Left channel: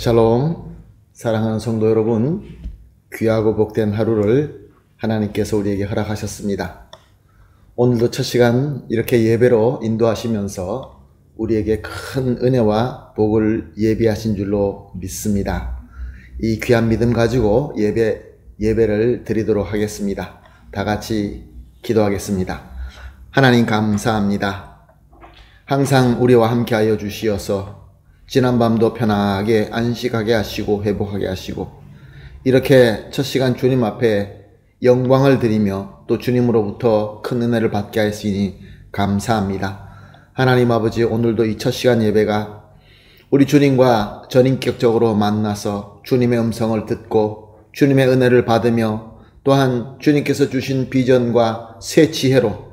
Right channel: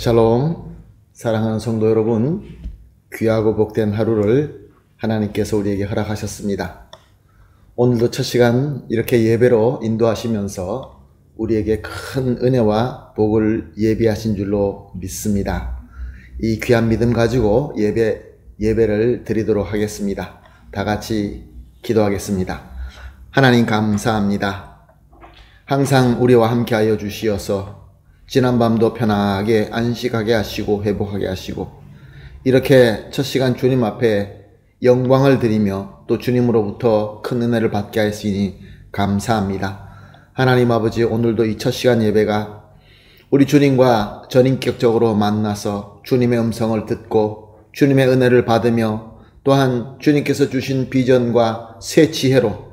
샬롬, 사랑하는 성도 여러분, 귀하고 복된 하루를 하나님께서 우리에게 허락하셨습니다. 오늘도 첫 시간 이렇게 예배로 인도하시면서 우리에게 큰 은혜와 복을 예비하신 줄로 믿습니다. 이 귀한 믿음 가지고 예배를 드리도록 하겠습니다. 다 같이 기도하겠습니다. 하나님 감사합니다. 항상 우리와 함께하여 주시어서 지난밤도 편하게 안식하게 하시고 회복하게 하시고 이렇게 첫 시간 주님 앞에 영광을 드리며 또 주님으로부터 큰 은혜를 받게 하시니 감사합니다. 하나님 아버지, 오늘도 이 첫 시간 예배가 우리 주님과 전인격적으로 만나서 주님의 음성을 듣고 주님의 은혜를 받으며 또한 주님께서 주신 비전과 새 지혜로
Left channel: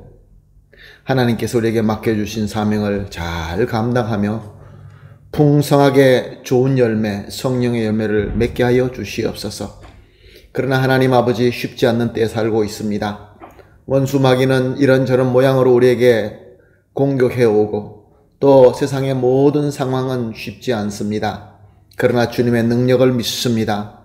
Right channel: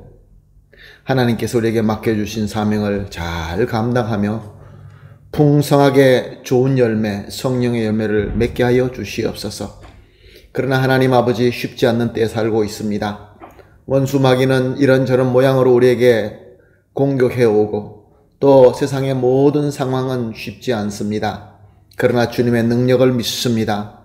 하나님께서 우리에게 맡겨주신 사명을 잘 감당하며 풍성하게 좋은 열매, 성령의 열매를 맺게 하여 주시옵소서. 그러나 하나님 아버지, 쉽지 않는 때에 살고 있습니다. 원수 마귀는 이런저런 모양으로 우리에게 공격해오고 또 세상의 모든 상황은 쉽지 않습니다. 그러나 주님의 능력을 믿습니다.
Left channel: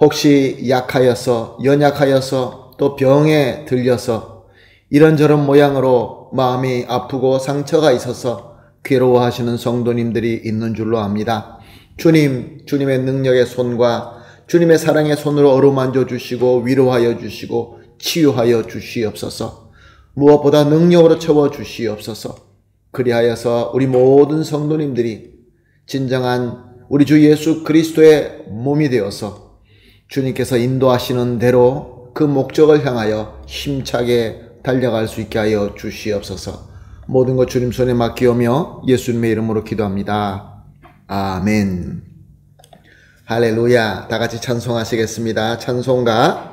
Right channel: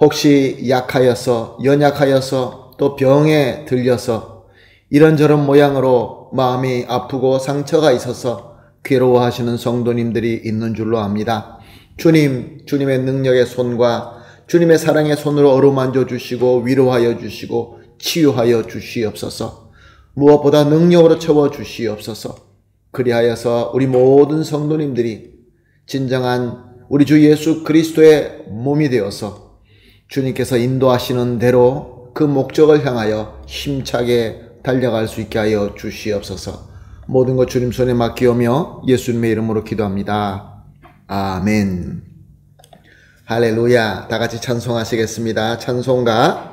혹시 약하여서, 연약하여서 또 병에 들려서 이런저런 모양으로 마음이 아프고 상처가 있어서 괴로워하시는 성도님들이 있는 줄로 압니다. 주님의 능력의 손과 주님의 사랑의 손으로 어루만져 주시고 위로하여 주시고 치유하여 주시옵소서. 무엇보다 능력으로 채워 주시옵소서. 그리하여서 우리 모든 성도님들이 진정한 우리 주 예수 그리스도의 몸이 되어서 주님께서 인도하시는 대로 그 목적을 향하여 힘차게 달려갈 수 있게 하여 주시옵소서. 모든 것 주님 손에 맡기오며 예수님의 이름으로 기도합니다. 아멘. 할렐루야. 다 같이 찬송하시겠습니다. 찬송가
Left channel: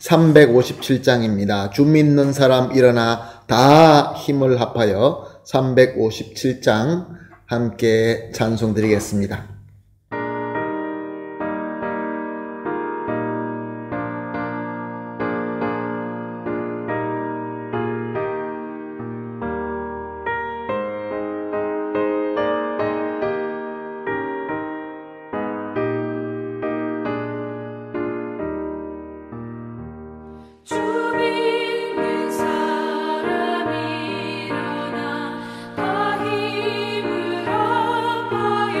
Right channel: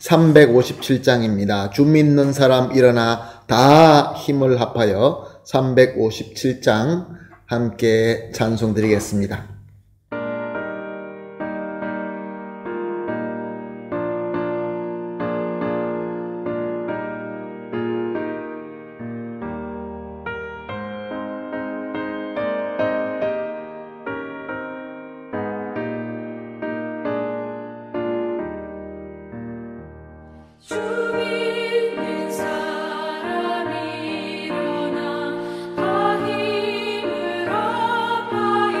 357장입니다. 주 믿는 사람 일어나 다 힘을 합하여 357장 함께 찬송 드리겠습니다. 다 힘을 합하여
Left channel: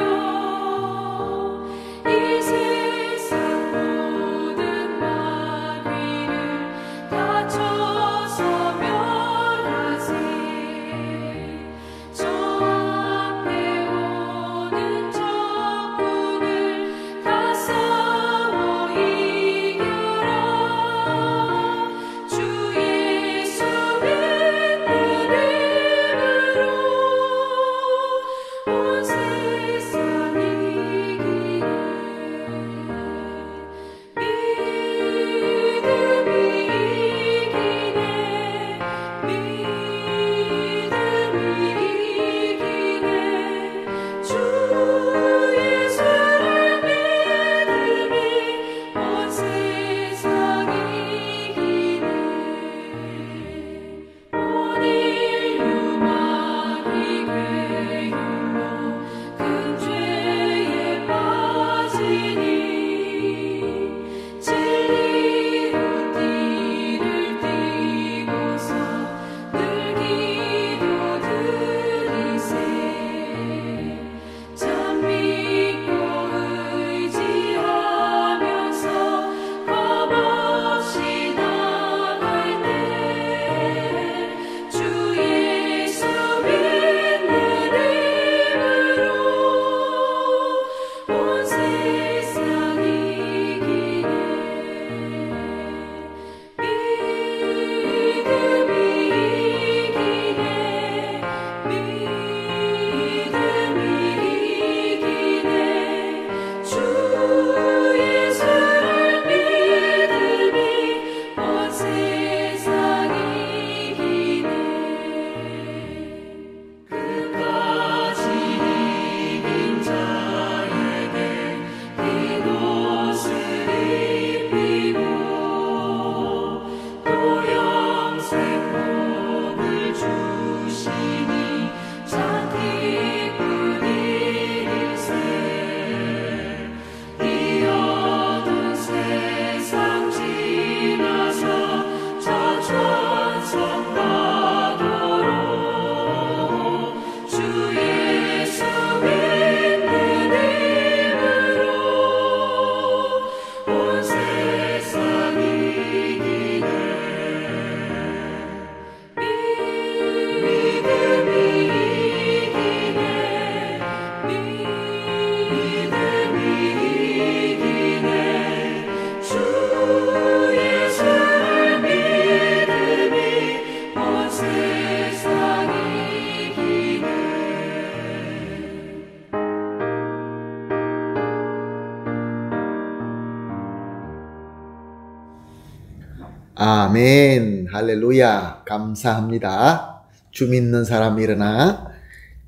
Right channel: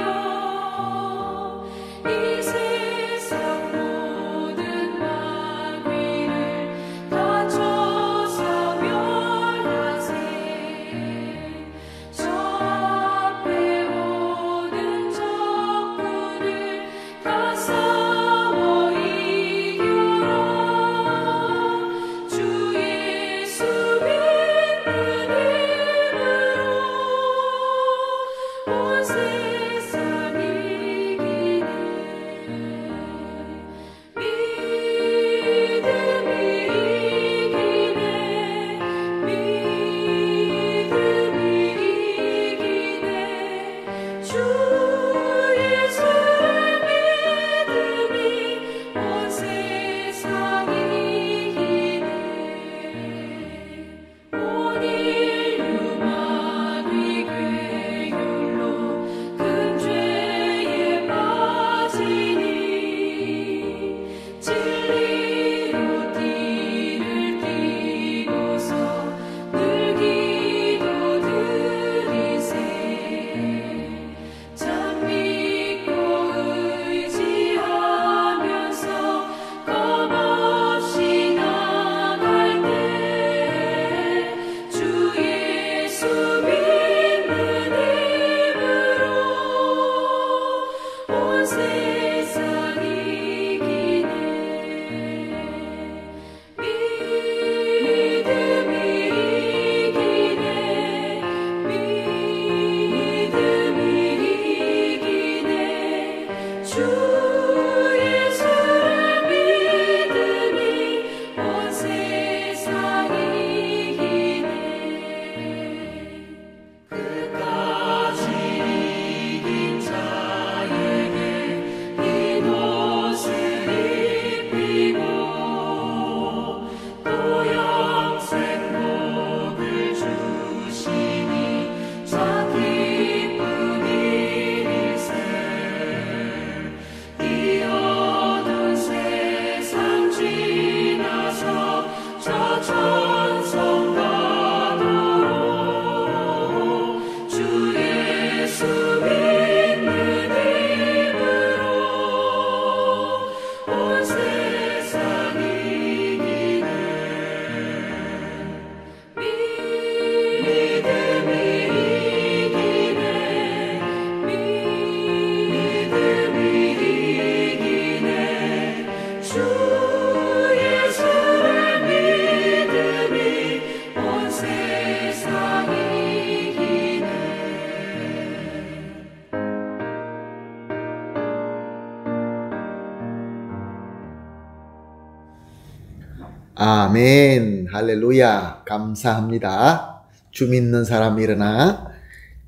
아멘. 할렐루야. 감사합니다. 주 믿는 사람 일어나.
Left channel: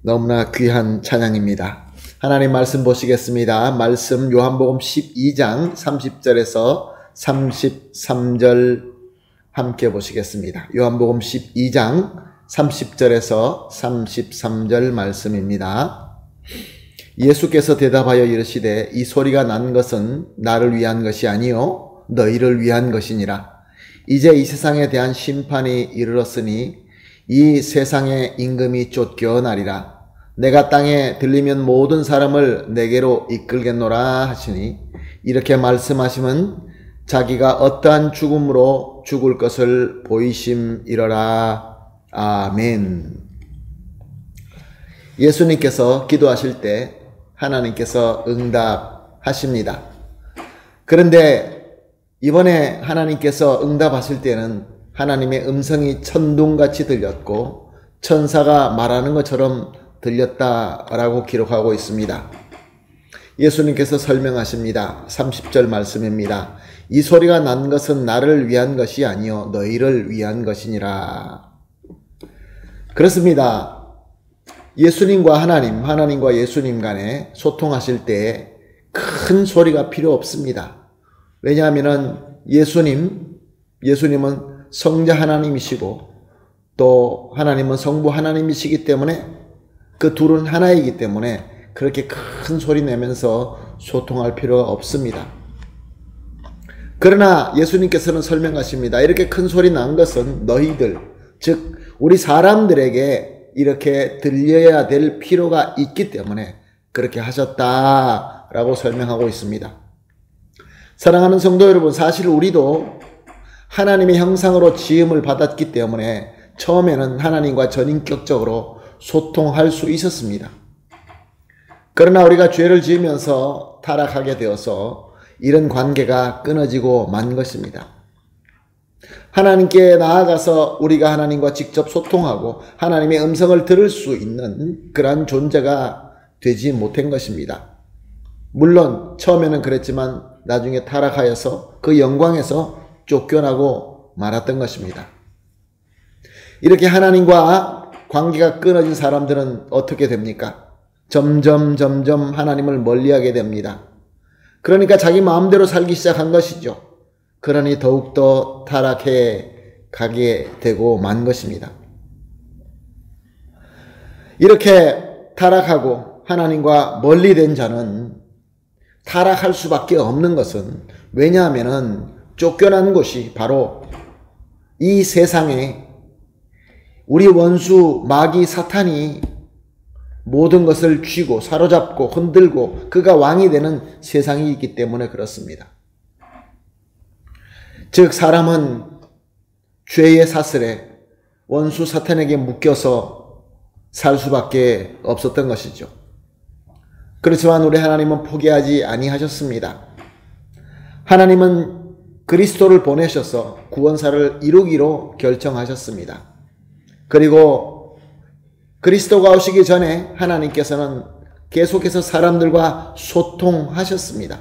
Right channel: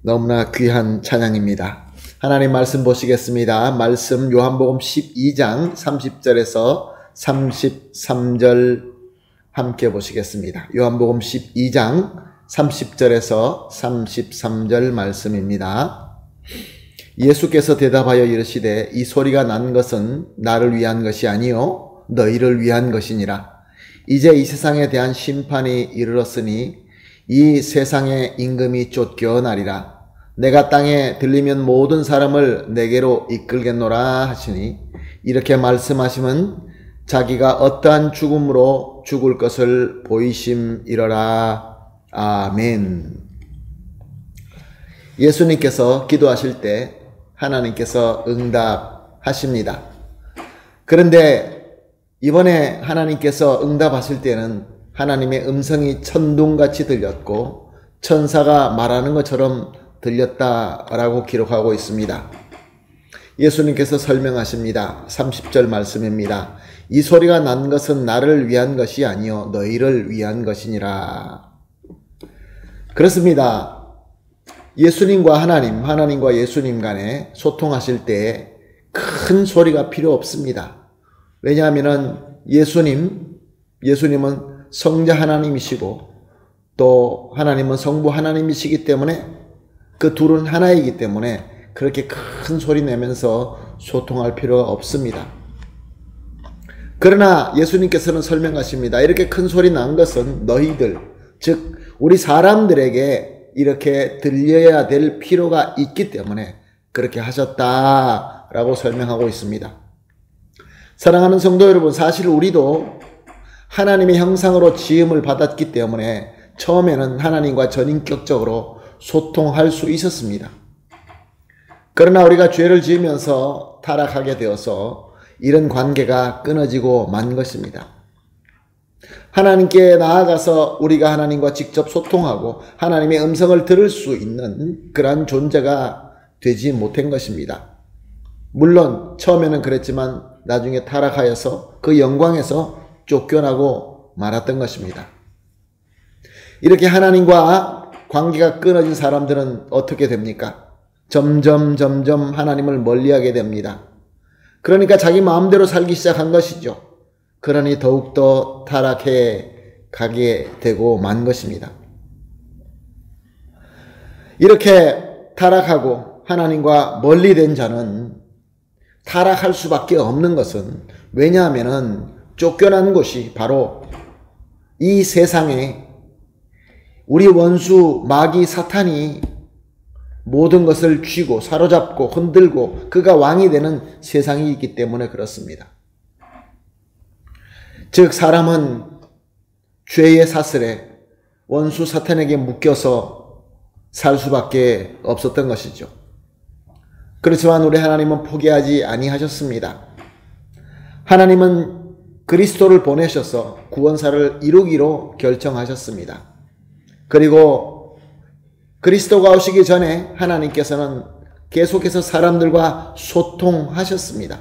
너무나 귀한 찬양입니다. 하나님 말씀 보시겠습니다. 말씀 요한복음 12장 30절에서 33절 함께 보시겠습니다. 요한복음 12장 30절에서 33절 말씀입니다. 예수께서 대답하여 이르시되 이 소리가 난 것은 나를 위한 것이 아니요 너희를 위한 것이니라. 이제 이 세상에 대한 심판이 이르렀으니 이 세상의 임금이 쫓겨나리라. 내가 땅에 들리면 모든 사람을 내게로 이끌겠노라 하시니 이렇게 말씀하시면 자기가 어떠한 죽음으로 죽을 것을 보이심이러라. 아멘. 예수님께서 기도하실 때 하나님께서 응답하십니다. 그런데 이번에 하나님께서 응답하실 때는 하나님의 음성이 천둥같이 들렸고 천사가 말하는 것처럼 들렸다라고 기록하고 있습니다. 예수님께서 설명하십니다. 30절 말씀입니다. 이 소리가 난 것은 나를 위한 것이 아니요 너희를 위한 것이니라. 그렇습니다. 예수님과 하나님, 하나님과 예수님 간에 소통하실 때 큰 소리가 필요 없습니다. 왜냐하면 예수님은 성자 하나님이시고 또 하나님은 성부 하나님이시기 때문에 그 둘은 하나이기 때문에 그렇게 큰 소리 내면서 소통할 필요가 없습니다. 그러나 예수님께서는 설명하십니다. 이렇게 큰 소리 난 것은 너희들, 즉 우리 사람들에게 이렇게 들려야 될 필요가 있기 때문에 그렇게 하셨다라고 설명하고 있습니다. 사랑하는 성도 여러분, 사실 우리도 하나님의 형상으로 지음을 받았기 때문에 처음에는 하나님과 전인격적으로 소통할 수 있었습니다. 그러나 우리가 죄를 지으면서 타락하게 되어서 이런 관계가 끊어지고 만 것입니다. 하나님께 나아가서 우리가 하나님과 직접 소통하고 하나님의 음성을 들을 수 있는 그러한 존재가 되지 못한 것입니다. 물론 처음에는 그랬지만 나중에 타락하여서 그 영광에서 쫓겨나고 말았던 것입니다. 이렇게 하나님과 관계가 끊어진 사람들은 어떻게 됩니까? 점점 하나님을 멀리하게 됩니다. 그러니까 자기 마음대로 살기 시작한 것이죠. 그러니 더욱더 타락해 가게 되고 만 것입니다. 이렇게 타락하고 하나님과 멀리 된 자는 타락할 수밖에 없는 것은 왜냐하면 쫓겨난 곳이 바로 이 세상에 우리 원수 마귀 사탄이 모든 것을 쥐고 사로잡고 흔들고 그가 왕이 되는 세상이 있기 때문에 그렇습니다. 즉 사람은 죄의 사슬에 원수 사탄에게 묶여서 살 수밖에 없었던 것이죠. 그렇지만 우리 하나님은 포기하지 아니하셨습니다. 하나님은 그리스도를 보내셔서 구원사를 이루기로 결정하셨습니다. 그리고 그리스도가 오시기 전에 하나님께서는 계속해서 사람들과 소통하셨습니다.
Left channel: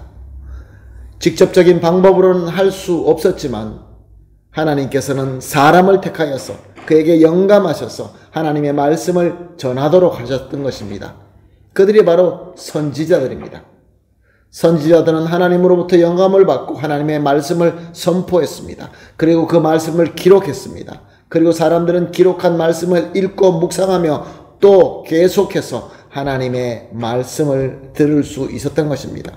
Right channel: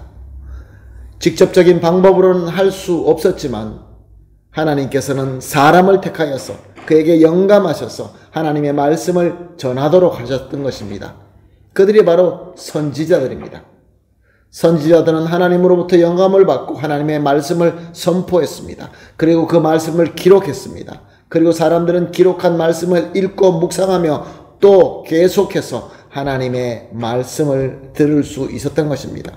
직접적인 방법으로는 할 수 없었지만 하나님께서는 사람을 택하여서 그에게 영감하셔서 하나님의 말씀을 전하도록 하셨던 것입니다. 그들이 바로 선지자들입니다. 선지자들은 하나님으로부터 영감을 받고 하나님의 말씀을 선포했습니다. 그리고 그 말씀을 기록했습니다. 그리고 사람들은 기록한 말씀을 읽고 묵상하며 또 계속해서 하나님의 말씀을 들을 수 있었던 것입니다.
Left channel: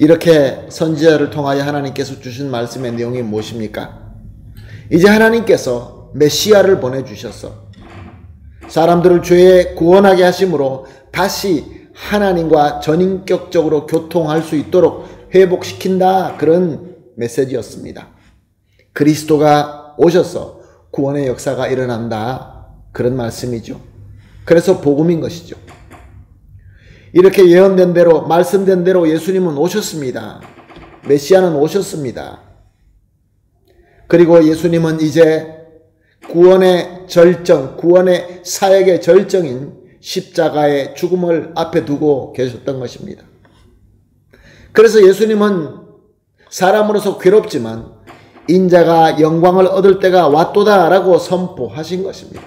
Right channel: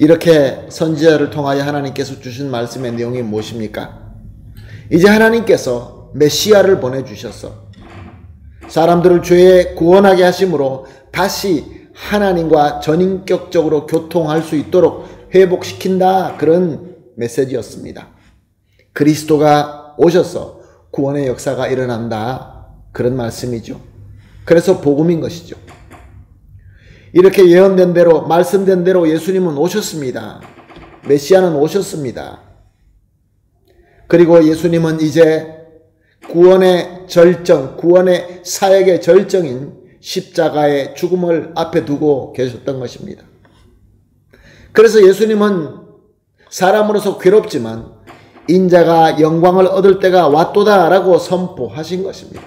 이렇게 선지자를 통하여 하나님께서 주신 말씀의 내용이 무엇입니까? 이제 하나님께서 메시아를 보내주셔서 사람들을 죄에 구원하게 하심으로 다시 하나님과 전인격적으로 교통할 수 있도록 회복시킨다, 그런 메시지였습니다. 그리스도가 오셔서 구원의 역사가 일어난다, 그런 말씀이죠. 그래서 복음인 것이죠. 이렇게 예언된 대로, 말씀된 대로 예수님은 오셨습니다. 메시아는 오셨습니다. 그리고 예수님은 이제 구원의 절정, 구원의 사역의 절정인 십자가의 죽음을 앞에 두고 계셨던 것입니다. 그래서 예수님은 사람으로서 괴롭지만 인자가 영광을 얻을 때가 왔도다라고 선포하신 것입니다.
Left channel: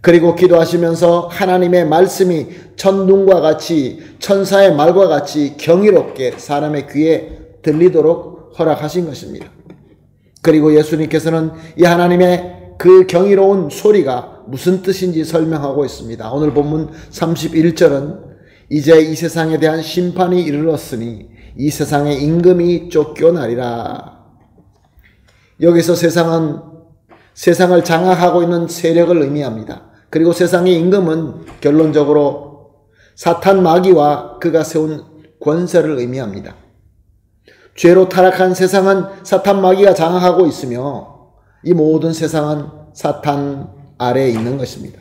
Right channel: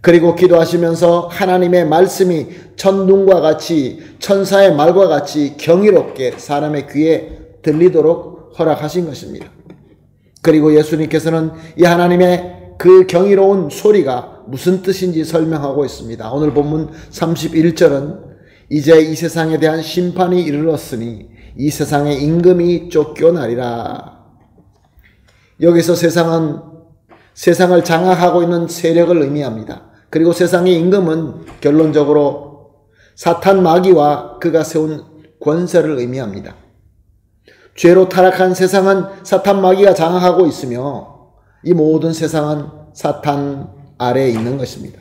그리고 기도하시면서 하나님의 말씀이 첫눈과 같이 천사의 말과 같이 경이롭게 사람의 귀에 들리도록 허락하신 것입니다. 그리고 예수님께서는 이 하나님의 그 경이로운 소리가 무슨 뜻인지 설명하고 있습니다. 오늘 본문 31절은 이제 이 세상에 대한 심판이 이르렀으니 이 세상의 임금이 쫓겨나리라. 여기서 세상은 세상을 장악하고 있는 세력을 의미합니다. 그리고 세상의 임금은 결론적으로 사탄 마귀와 그가 세운 권세를 의미합니다. 죄로 타락한 세상은 사탄 마귀가 장악하고 있으며 이 모든 세상은 사탄 아래에 있는 것입니다.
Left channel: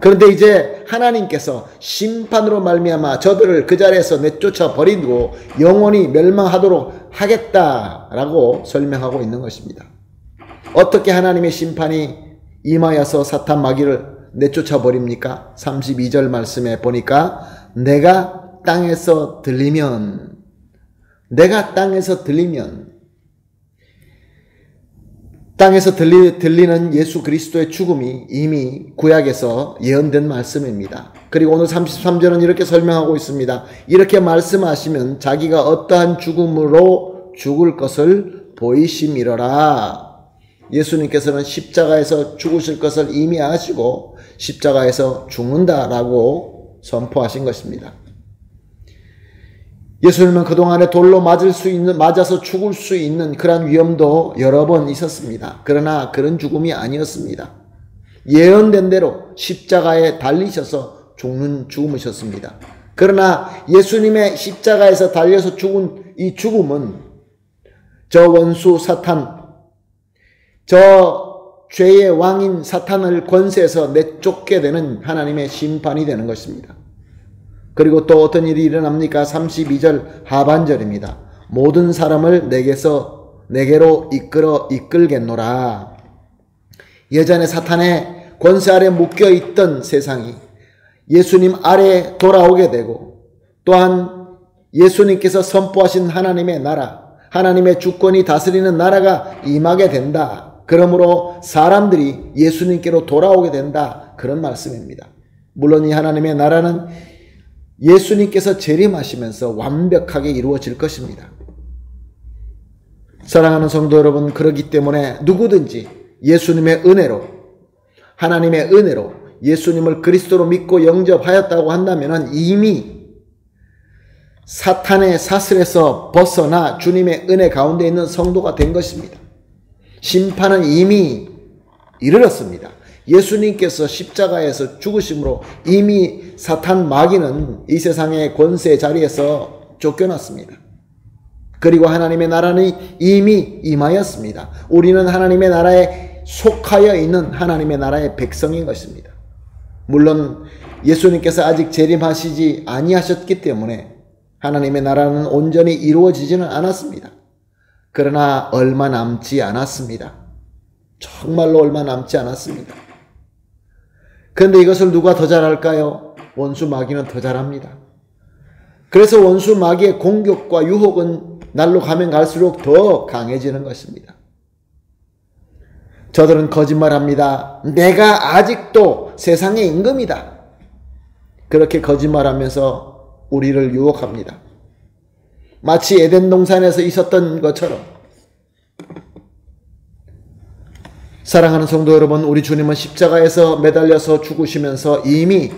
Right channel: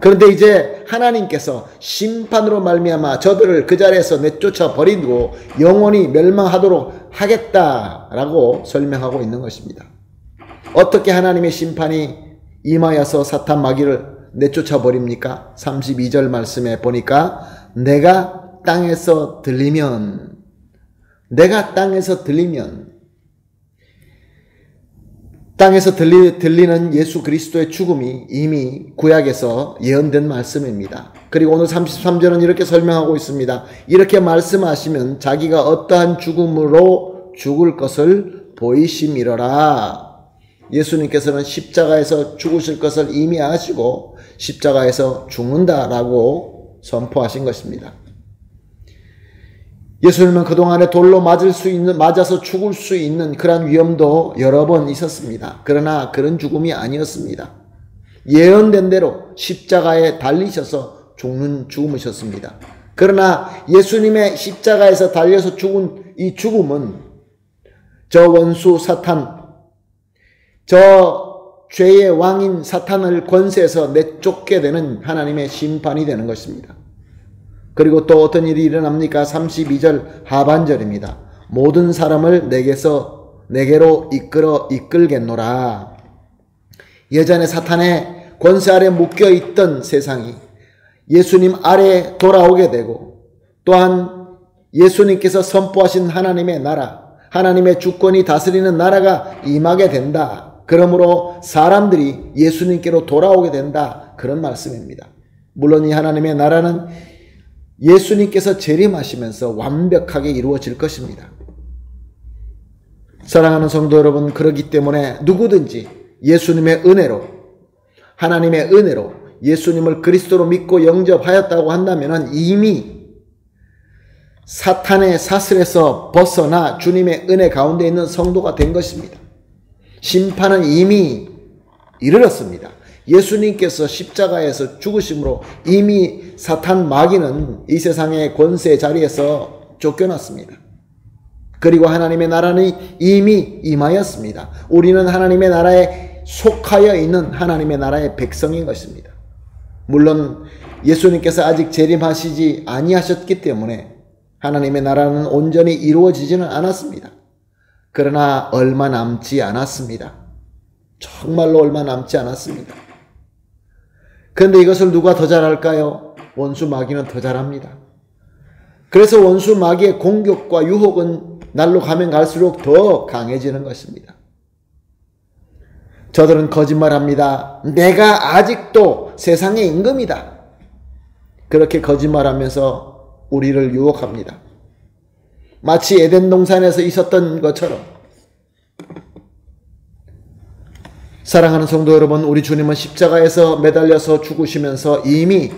그런데 이제 하나님께서 심판으로 말미암아 저들을 그 자리에서 내쫓아 버리고 영원히 멸망하도록 하겠다라고 설명하고 있는 것입니다. 어떻게 하나님의 심판이 임하여서 사탄 마귀를 내쫓아 버립니까? 32절 말씀에 보니까 내가 땅에서 들리면 땅에서 들리는 예수 그리스도의 죽음이 이미 구약에서 예언된 말씀입니다. 그리고 오늘 33절은 이렇게 설명하고 있습니다. 이렇게 말씀하시면 자기가 어떠한 죽음으로 죽을 것을 보이심이러라. 예수님께서는 십자가에서 죽으실 것을 이미 아시고 십자가에서 죽는다라고 선포하신 것입니다. 예수님은 그동안에 돌로 맞아서 죽을 수 있는 그런 위험도 여러 번 있었습니다. 그러나 그런 죽음이 아니었습니다. 예언된 대로 십자가에 달리셔서 죽는 죽음이셨습니다. 그러나 예수님의 십자가에서 달려서 죽은 이 죽음은 저 원수 사탄, 저 죄의 왕인 사탄을 권세에서 내쫓게 되는 하나님의 심판이 되는 것입니다. 그리고 또 어떤 일이 일어납니까? 32절 하반절입니다. 모든 사람을 내게로 이끌겠노라. 예전에 사탄의 권세 아래 묶여있던 세상이 예수님 아래 돌아오게 되고 또한 예수님께서 선포하신 하나님의 나라, 하나님의 주권이 다스리는 나라가 임하게 된다. 그러므로 사람들이 예수님께로 돌아오게 된다. 그런 말씀입니다. 물론 이 하나님의 나라는 예수님께서 재림하시면서 완벽하게 이루어질 것입니다. 사랑하는 성도 여러분, 그렇기 때문에 누구든지 예수님의 은혜로, 하나님의 은혜로 예수님을 그리스도로 믿고 영접하였다고 한다면 이미 사탄의 사슬에서 벗어나 주님의 은혜 가운데 있는 성도가 된 것입니다. 심판은 이미 이르렀습니다. 예수님께서 십자가에서 죽으심으로 이미 사탄 마귀는 이 세상의 권세 자리에서 쫓겨났습니다. 그리고 하나님의 나라는 이미 임하였습니다. 우리는 하나님의 나라에 속하여 있는 하나님의 나라의 백성인 것입니다. 물론 예수님께서 아직 재림하시지 아니하셨기 때문에 하나님의 나라는 온전히 이루어지지는 않았습니다. 그러나 얼마 남지 않았습니다. 정말로 얼마 남지 않았습니다. 그런데 이것을 누가 더 잘할까요? 원수 마귀는 더 잘합니다. 그래서 원수 마귀의 공격과 유혹은 날로 가면 갈수록 더 강해지는 것입니다. 저들은 거짓말합니다. 내가 아직도 세상의 임금이다. 그렇게 거짓말하면서 우리를 유혹합니다. 마치 에덴 동산에서 있었던 것처럼. 사랑하는 성도 여러분, 우리 주님은 십자가에서 매달려서 죽으시면서 이미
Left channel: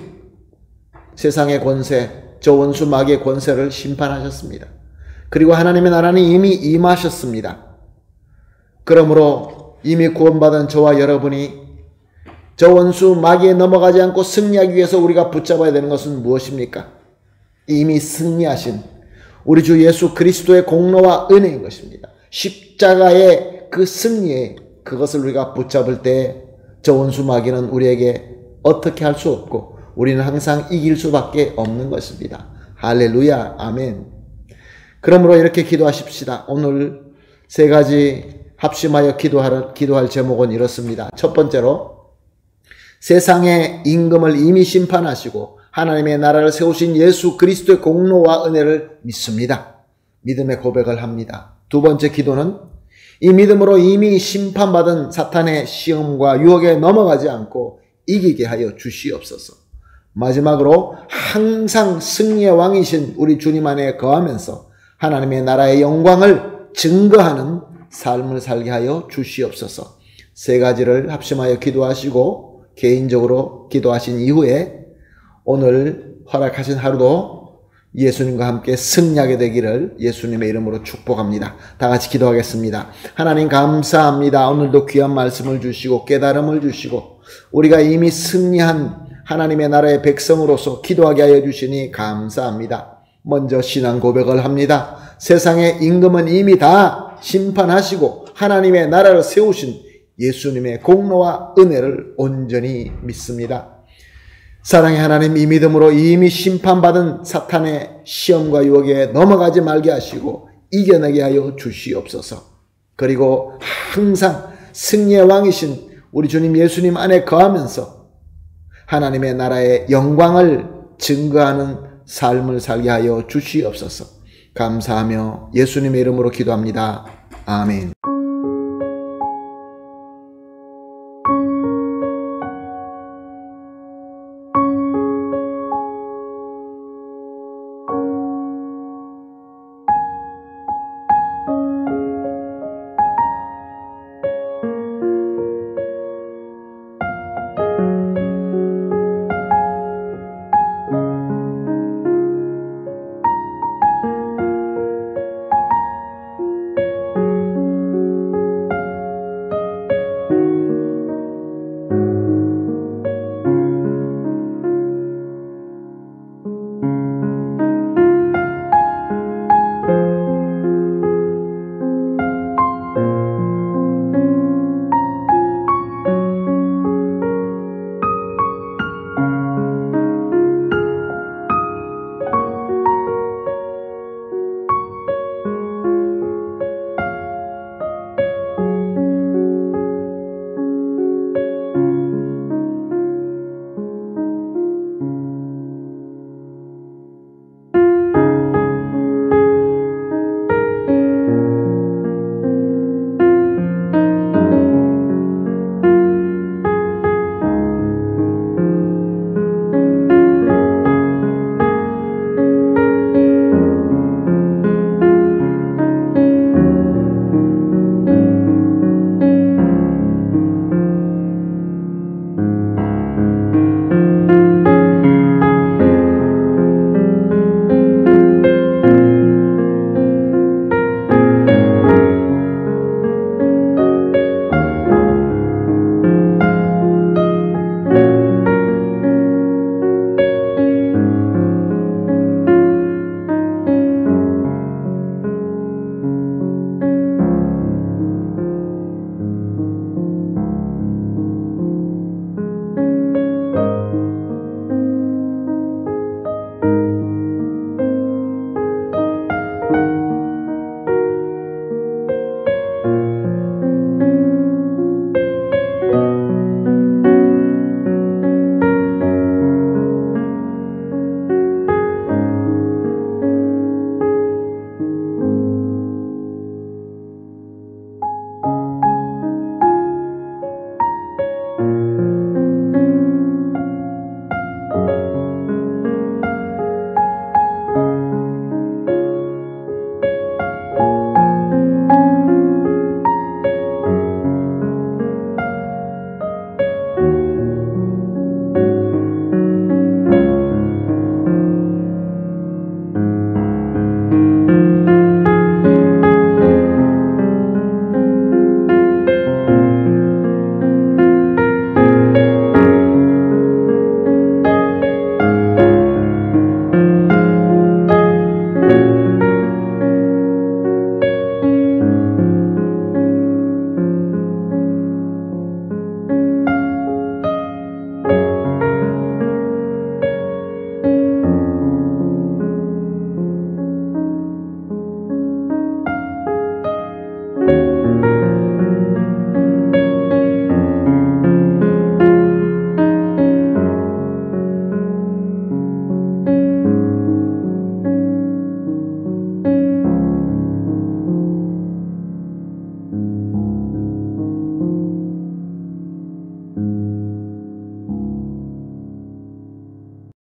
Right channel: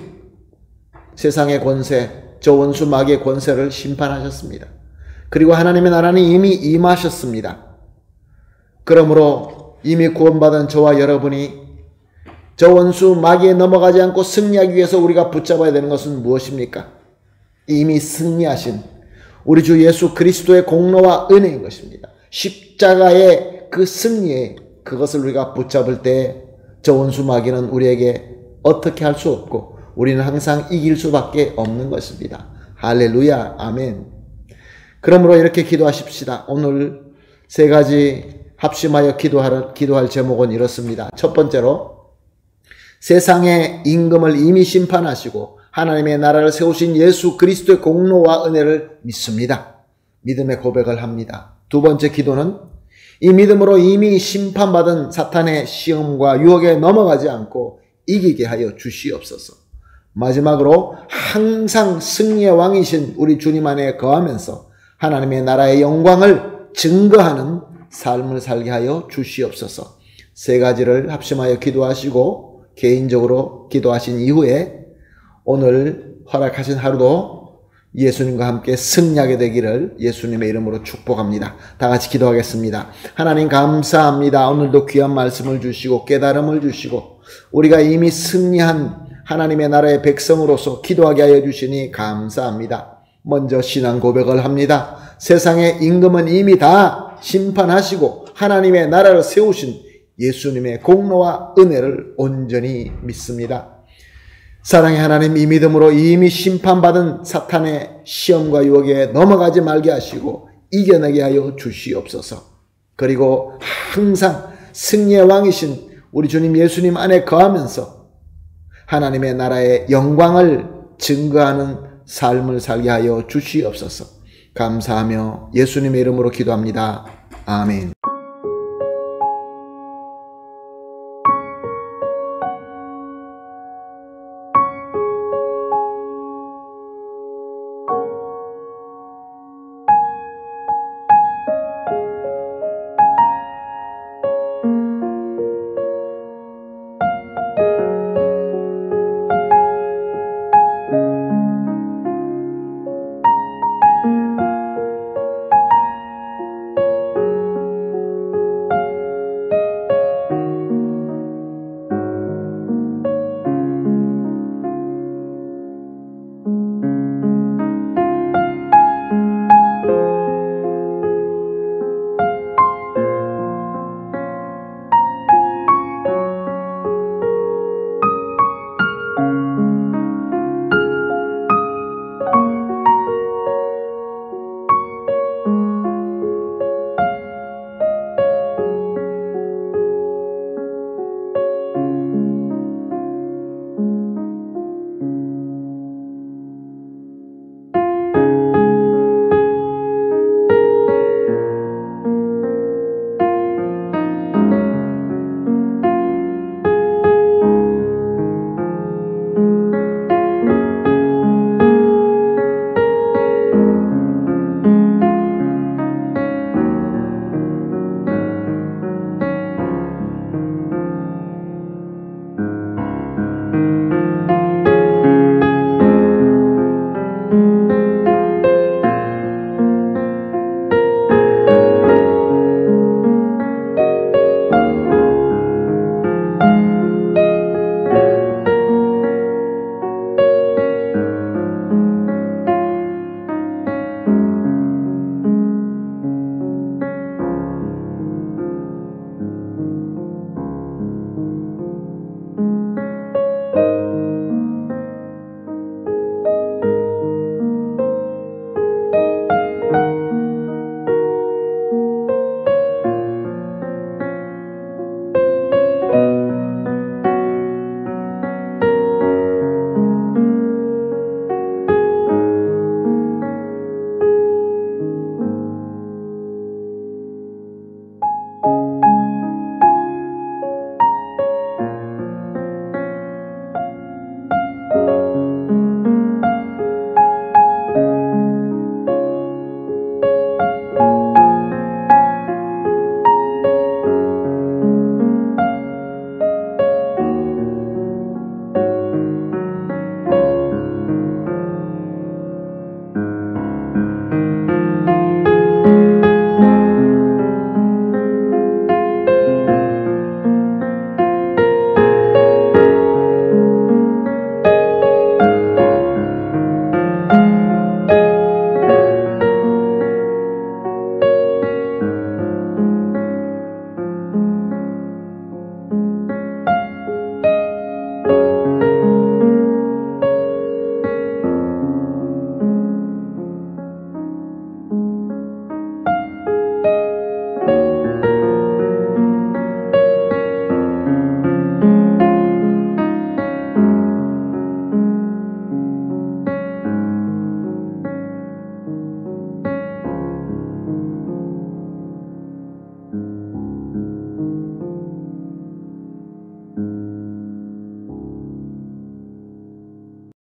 세상의 권세, 저 원수 마귀의 권세를 심판하셨습니다. 그리고 하나님의 나라는 이미 임하셨습니다. 그러므로 이미 구원받은 저와 여러분이 저 원수 마귀에 넘어가지 않고 승리하기 위해서 우리가 붙잡아야 되는 것은 무엇입니까? 이미 승리하신 우리 주 예수 그리스도의 공로와 은혜인 것입니다. 십자가의 그 승리에 그것을 우리가 붙잡을 때 저 원수 마귀는 우리에게 어떻게 할 수 없고 우리는 항상 이길 수밖에 없는 것입니다. 할렐루야, 아멘. 그러므로 이렇게 기도하십시다. 오늘 세 가지 합심하여 기도할 제목은 이렇습니다. 첫 번째로, 세상의 임금을 이미 심판하시고 하나님의 나라를 세우신 예수 그리스도의 공로와 은혜를 믿습니다. 믿음의 고백을 합니다. 두 번째 기도는 이 믿음으로 이미 심판받은 사탄의 시험과 유혹에 넘어가지 않고 이기게 하여 주시옵소서. 마지막으로 항상 승리의 왕이신 우리 주님 안에 거하면서 하나님의 나라의 영광을 증거하는 삶을 살게 하여 주시옵소서. 세 가지를 합심하여 기도하시고 개인적으로 기도하신 이후에 오늘 허락하신 하루도 예수님과 함께 승리하게 되기를 예수님의 이름으로 축복합니다. 다 같이 기도하겠습니다. 하나님 감사합니다. 오늘도 귀한 말씀을 주시고 깨달음을 주시고 우리가 이미 승리한 하나님의 나라의 백성으로서 기도하게 하여 주시니 감사합니다. 먼저 신앙 고백을 합니다. 세상의 임금은 이미 다 심판하시고 하나님의 나라를 세우신 예수님의 공로와 은혜를 온전히 믿습니다. 사랑의 하나님, 이 믿음으로 이미 심판받은 사탄의 시험과 유혹에 넘어가지 말게 하시고 이겨내게 하여 주시옵소서. 그리고 항상 승리의 왕이신 우리 주님 예수님 안에 거하면서 하나님의 나라의 영광을 증거하는 삶을 살게 하여 주시옵소서. 감사하며 예수님의 이름으로 기도합니다. 아멘.